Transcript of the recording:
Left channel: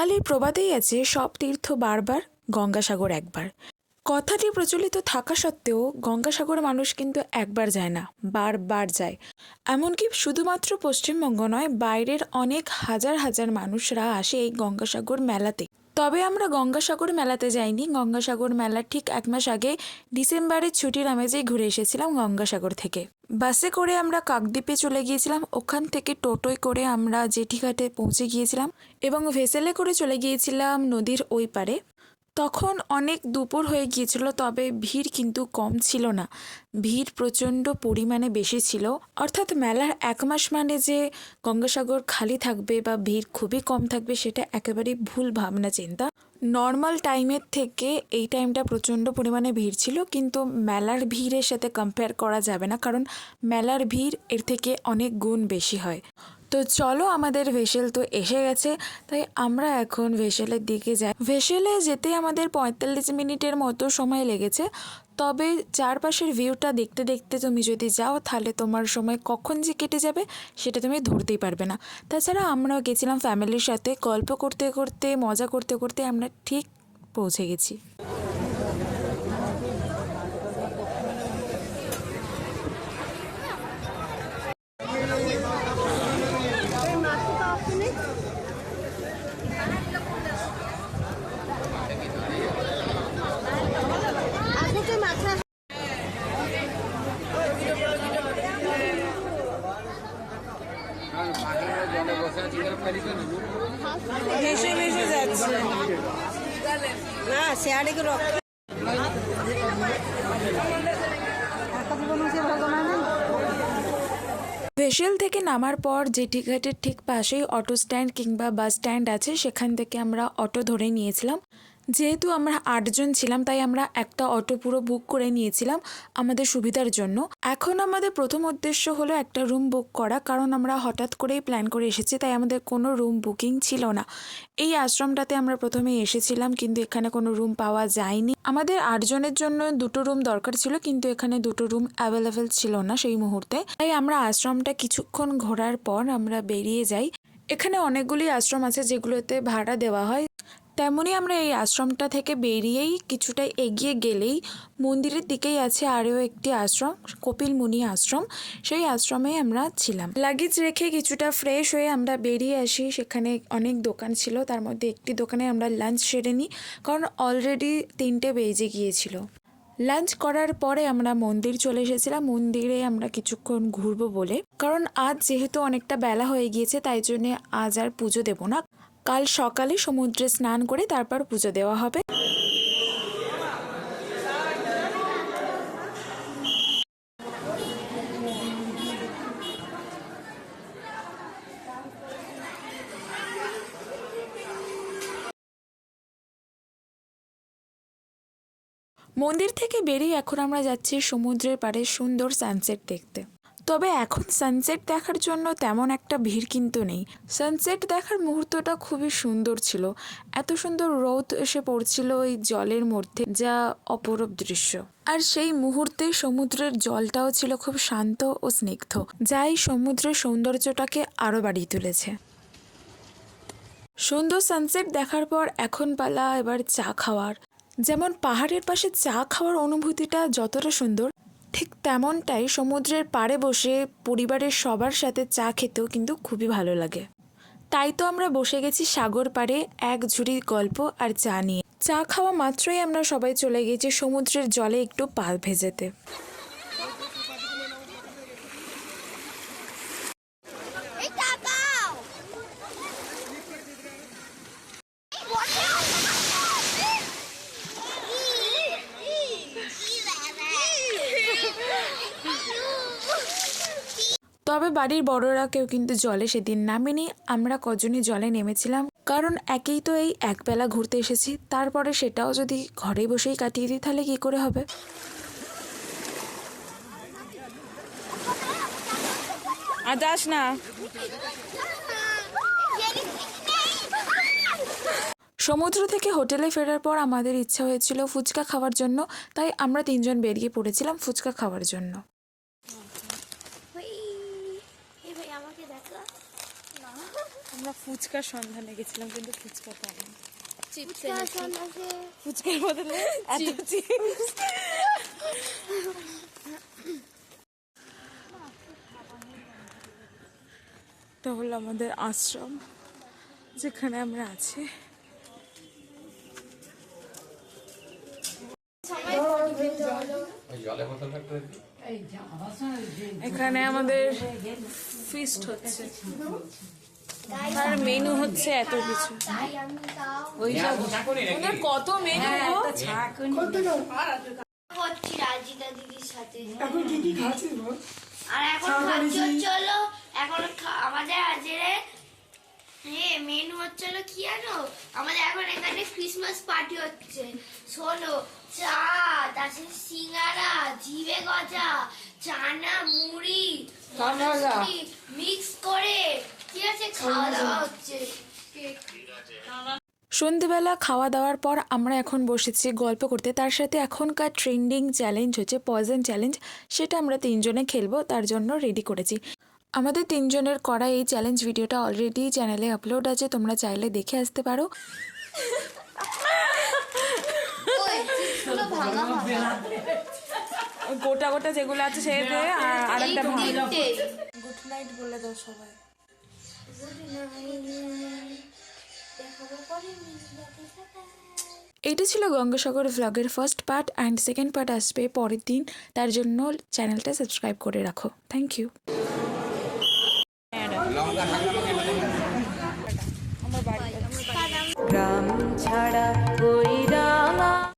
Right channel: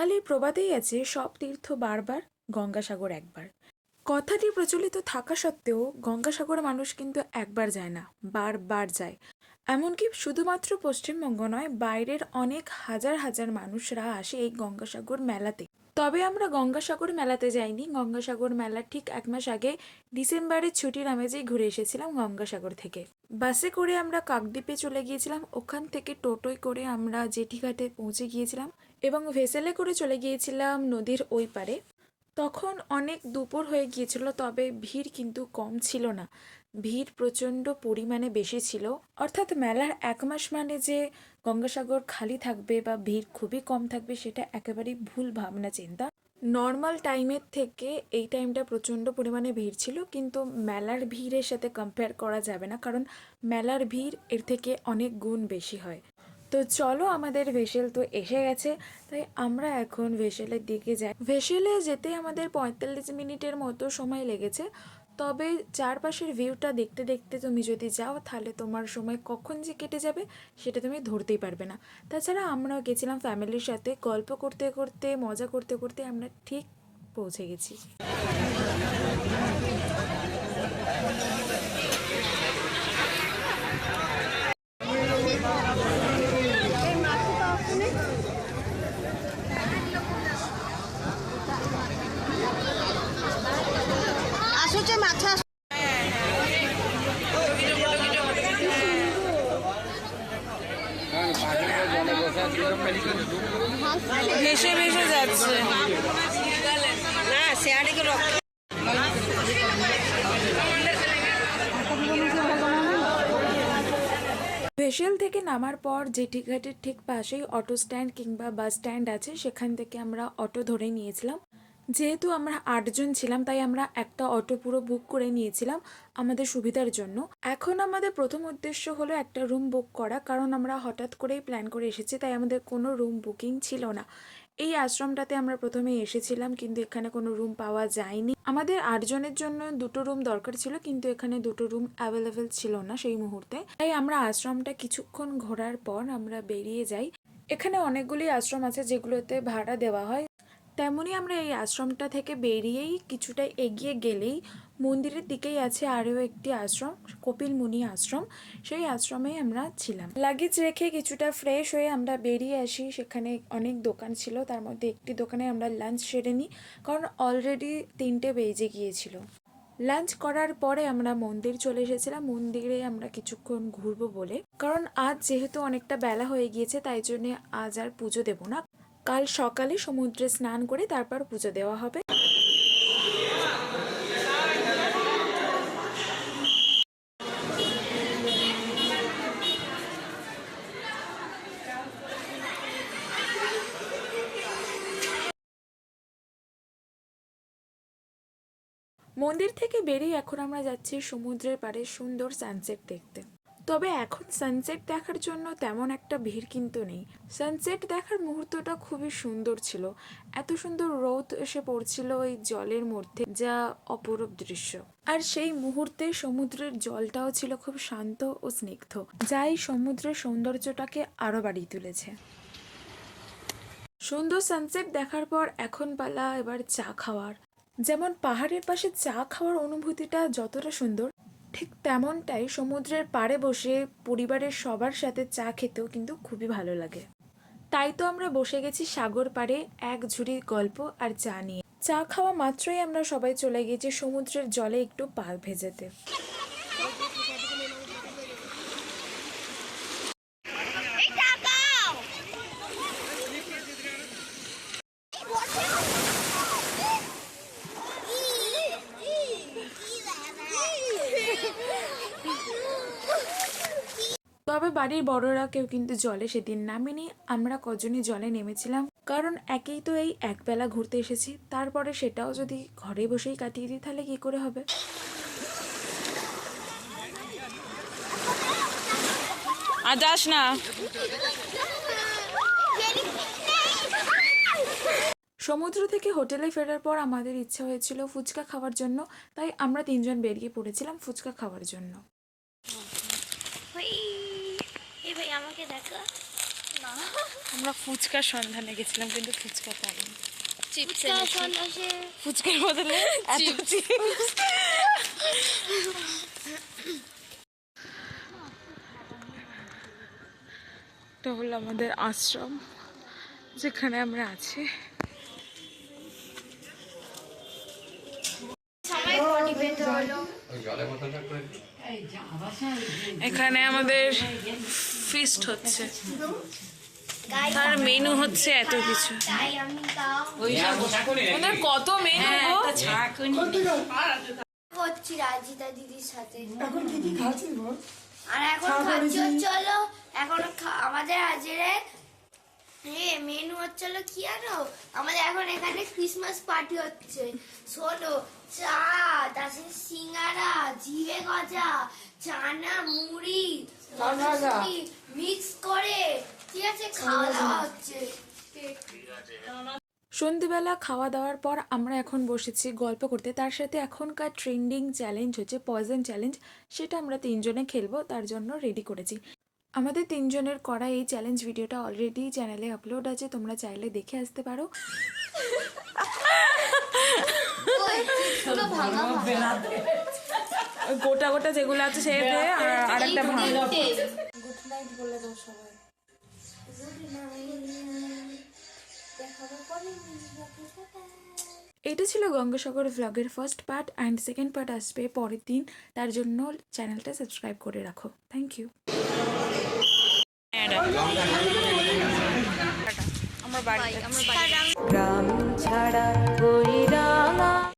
বাঙালির প্রবাদেই আছে সব তীর্থ বারবার গঙ্গাসাগর একবার। কথাটি প্রচলিত থাকা সত্ত্বেও গঙ্গাসাগর মানুষ কিন্তু একবার যায় না, বারবার যায়। এমনকি শুধুমাত্র পশ্চিমবঙ্গ নয়, বাইরের অনেক হাজার হাজার মানুষরা আসে এই গঙ্গাসাগর মেলাতে। তবে আমরা গঙ্গাসাগর মেলাতে যাইনি। গঙ্গাসাগর মেলার ঠিক 1 মাস আগে ডিসেম্বরের ছুটির আমেজেই ঘুরে এসেছিলাম গঙ্গাসাগর থেকে। বাসে করে আমরা কাকদ্বীপে চলে গিয়েছিলাম, ওখান থেকে টোটোয় করে আমরা জেঠিঘাটে পৌঁছে গিয়েছিলাম এবং ভেসেলে করে চলে গিয়েছিলাম নদীর ওই পারে। তখন অনেক দুপুর হয়ে গিয়েছিল, তবে ভিড় কিন্তু কম ছিল না, ভিড় প্রচণ্ড পরিমাণে বেশি ছিল। অর্থাৎ মেলার 1 মাস মানে যে গঙ্গাসাগর খালি থাকবে বা ভিড় খুবই কম থাকবে সেটা একেবারেই ভুল ভাবনা চিন্তা। নর্মাল টাইমের থেকে এই টাইমটা প্রচণ্ড পরিমাণে ভিড় ছিল, কিন্তু মেলার ভিড়ের সাথে কম্পেয়ার করা যাবে না, কারণ মেলার ভিড় এর থেকে অনেক গুণ বেশি হয়। তো চলো, আমাদের ভেসেল তো এসে গেছে, তাই আমরা এখন ভেসেলের দিকে যাই। ভেসেলে যেতে আমাদের 45 মিনিটের মতো সময় লেগেছে। তবে চারপাশের ভিউটা দেখতে দেখতে তুমি যদি যাও তাহলে তোমার সময় কখন যে কেটে যাবে সেটা তুমি ধরতেই পারবে না। তাছাড়া আমরাও গেছিলাম ফ্যামিলির সাথে, গল্প করতে করতে মজা করতে করতে আমরা ঠিক পৌঁছে গেছি। ভেসে ভেসে যাচ্ছে। ভেসেল থেকে নামার পর জেঠিঘাটের ঠিক পাশেই অটো স্ট্যান্ড কিংবা বাস স্ট্যান্ড আছে, সেখান থেকে আমরা অটো ধরে নিয়েছিলাম। যেহেতু আমরা 8 জন ছিলাম তাই আমরা একটা অটো পুরো বুক করে নিয়েছিলাম আমাদের সুবিধার জন্য। এখন আমাদের প্রথম উদ্দেশ্য হলো একটা রুম বুক করা, কারণ আমরা হঠাৎ করেই প্ল্যান করে এসেছি, তাই আমাদের কোনো রুম বুকিং ছিল না। এই আশ্রমটাতে আমরা প্রথমেই এসেছিলাম, কিন্তু এখানে কোনো রুম পাওয়া যায়নি। আমাদের 8 জনের জন্য 2টো রুম দরকার ছিল, কিন্তু এখানে 2টো রুম অ্যাভেলেবেল ছিল না সেই মুহূর্তে। তাই আমরা আশ্রমটা কিছুক্ষণ ঘোরার পর আমরা বেরিয়ে যাই। এখানে অনেকগুলি আশ্রম আছে যেগুলোতে ভাড়া দেওয়া হয়। তেমনই আমরা এই আশ্রমটা থেকে বেরিয়েই কিছুটা এগিয়ে গেলেই মন্দিরের দিকেই আছে আরও একটি আশ্রম, কপিল মুনি আশ্রম। সেই আশ্রমে আমরা ছিলাম। লাগেজ রেখে কিছুটা ফ্রেশ হয়ে আমরা বেরিয়ে আসি। সেখানে অনেক দোকান ছিল, তার মধ্যে একটি দোকানে আমরা লাঞ্চ সেরে নিই, কারণ অলরেডি 3টে বেজে গিয়েছিল। লাঞ্চ করার পরে আমরা মন্দির চলে এসেছিলাম। মন্দিরে আমরা কিছুক্ষণ ঘুরবো বলে, কারণ আজ যেহেতু অনেকটা বেলা হয়ে গিয়েছে তাই জন্যে আজ আর পুজো দেব না। কাল সকালে সমুদ্রে স্নান করে তারপর পুজো দেওয়া হবে। মন্দির থেকে বেরিয়ে এখন আমরা যাচ্ছি সমুদ্রের পাড়ে সুন্দর সানসেট দেখতে। তবে এখন সানসেট দেখার জন্য তেমন একটা ভিড় কিন্তু নেই। সানসেট দেখার মুহূর্তটা খুবই সুন্দর ছিল, এত সুন্দর রোদ এসে পড়ছিল ওই জলের মধ্যে, যা অপরূপ দৃশ্য। আর সেই মুহূর্তে সমুদ্রের জলটাও ছিল খুব শান্ত ও স্নিগ্ধ, যা এই সমুদ্রের সৌন্দর্যটাকে আরো বাড়িয়ে তুলেছে। সুন্দর সানসেট দেখার পর এখন পালা এবার চা খাওয়ার। যেমন পাহাড়ের পাশে চা খাওয়ার অনুভূতিটা যতটা সুন্দর, ঠিক তেমনটাই সমুদ্রের পাড়ে বসে পরিবারের সবার সাথে চা খেতেও কিন্তু খুবই ভালো লাগে। তাই তো আমরা বসে গেছি সাগর পাড়ে এক ঝুড়ি গল্প আর চা নিয়ে। চা খাওয়া মাত্রই আমরা সবাই চলে গেছি সমুদ্রের জলে একটু পা ভেজাতে। তবে বাড়ির বড়রা কেউ কিন্তু জলে সেদিন নামেনি। আমরা কজনই জলে নেমেছিলাম, কারণ একেই তো এই একবেলা ঘুরতে এসেছি, তারপরে সেটাও যদি ঘরে বসেই কাটিয়ে দিই তাহলে কি করে হবে। আর যাস না। সমুদ্র থেকে হোটেলে ফেরার পর আমাদের ইচ্ছা হয়েছিল ফুচকা খাওয়ার জন্য, তাই আমরা 3জন বেরিয়ে পড়েছিলাম ফুচকা খাওয়ার জন্য। আমরা ফুচকার সন্ধানে গেছিলাম কিন্তু ফুচকা পাইনি। সন্ন্যাসে ফুচকার বদলে এত চিপস। এটা হলো আমাদের আশ্রম, যেখানে আমরা আছি। সবাই বডি পেতে হলো। এখানে আমাদের ফিস্ট হচ্ছে, তার মেনু হচ্ছে এত কিছু। তাই আমি তাও ওদের কত মেনু গো। করছি রাজিতা দিদির সাথে। আর এখন খাচ্ছি চলো, এখন আমাদের হাজিরে মেনু হচ্ছিল কি জানো, আমাদের এখন এখানে ক্রিসমাস পার্টি হচ্ছে। শোনো, চা, তারপরে সিঙ্গারা, জিভে গজা, চানা, মুড়ি মিক্স করে ঠিক আছে খাওয়া দাওয়া হচ্ছে। সন্ধেবেলা খাওয়া দাওয়ার পর আমরা এখন বসেছি গল্প করতে। তার সাথে এখনকার ট্রেন্ডিং চ্যালেঞ্জ হচ্ছে পয়জন চ্যালেঞ্জ, সেটা আমরা তিনজনে খেলবো, তার জন্য রেডি করেছি। আমাদের তিনজনের করা এই চ্যালেঞ্জ ভিডিওটা অলরেডি চ্যানেলে আপলোড আছে, তোমরা চাইলে দেখে আসতে পারো। গোটা গোটা যেগুলো আছে সেটা আর একটা ভাঙ। গুড নাইট বলে দাও সবাই। এটা ছিল গঙ্গাসাগর ভ্লগের first part, and second part আসবে পরের দিন। তার জন্য চ্যানেলটা সাবস্ক্রাইব করে রাখো। Thank you. আমার বাড়ি গ্রাম ছাড়া